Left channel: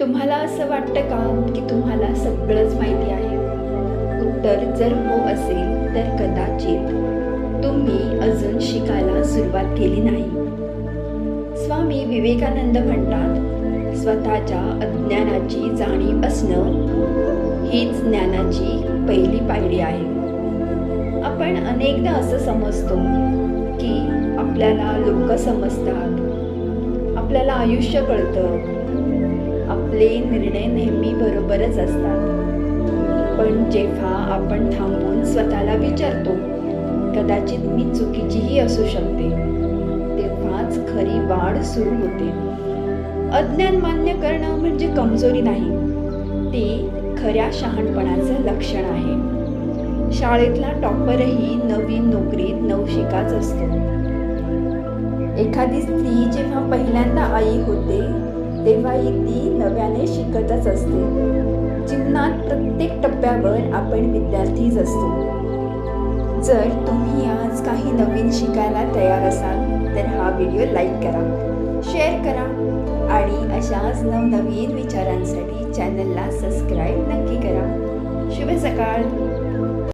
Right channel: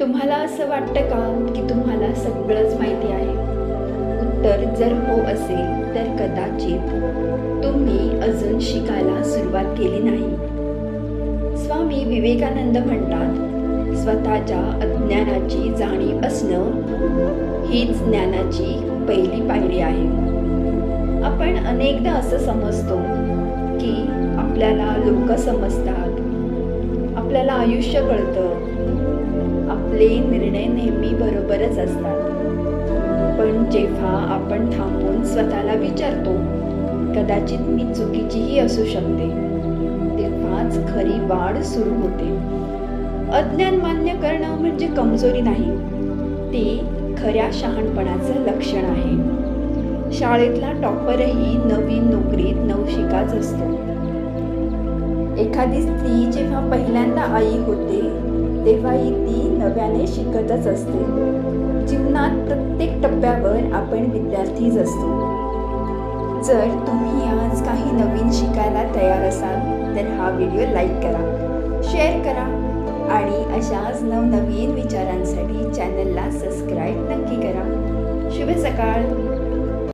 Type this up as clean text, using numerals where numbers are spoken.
तुम्हाला असं वाटतं का की तुम्हाला सगळंच माहिती आहे? उत्तर जर हो असेल तर कदाचित तुम्ही अजून शिकायला सुरुवात केली नाही. स्वामी विवेकानंद म्हणतात, स्वतःच्या अज्ञानाची जाणीव असणं हीच ज्ञानाची पहिली पायरी आहे. आपण अनेकदा असं समजतो की आपल्याला लोक समजतात, आपल्याला आयुष्य कळतं, आपले निर्णय नेहमी बरोबरच असतात. पण जेव्हा आपण थांबून स्वतःला विचारतो, कदाचित मी चुकीचीही असू शकते, तेव्हाच खरी वाढ सुरू होते. अज्ञान मान्य करणं म्हणजे कमजोरी नाही, ते खऱ्या शहाणपणाचं लक्षण आहे. शाळेतला टॉपरही नवीन नोकरीत नवशिकाच असतो. एखादी स्त्री जेव्हा पहिल्यांदा आई होते तेव्हाही ती नव्याने शिकतच असते. जीवनात प्रत्येक टप्प्यावर आपण विद्यार्थीच असतो. जर तुम्ही आज काही नवीन शिकायला तयार असाल तर हा व्हिडिओ लाईक करा, शेअर करा आणि अशाच नवनवीन विचारांसाठी चॅनलला सबस्क्राईब नक्की करा. शुभ सकाळ.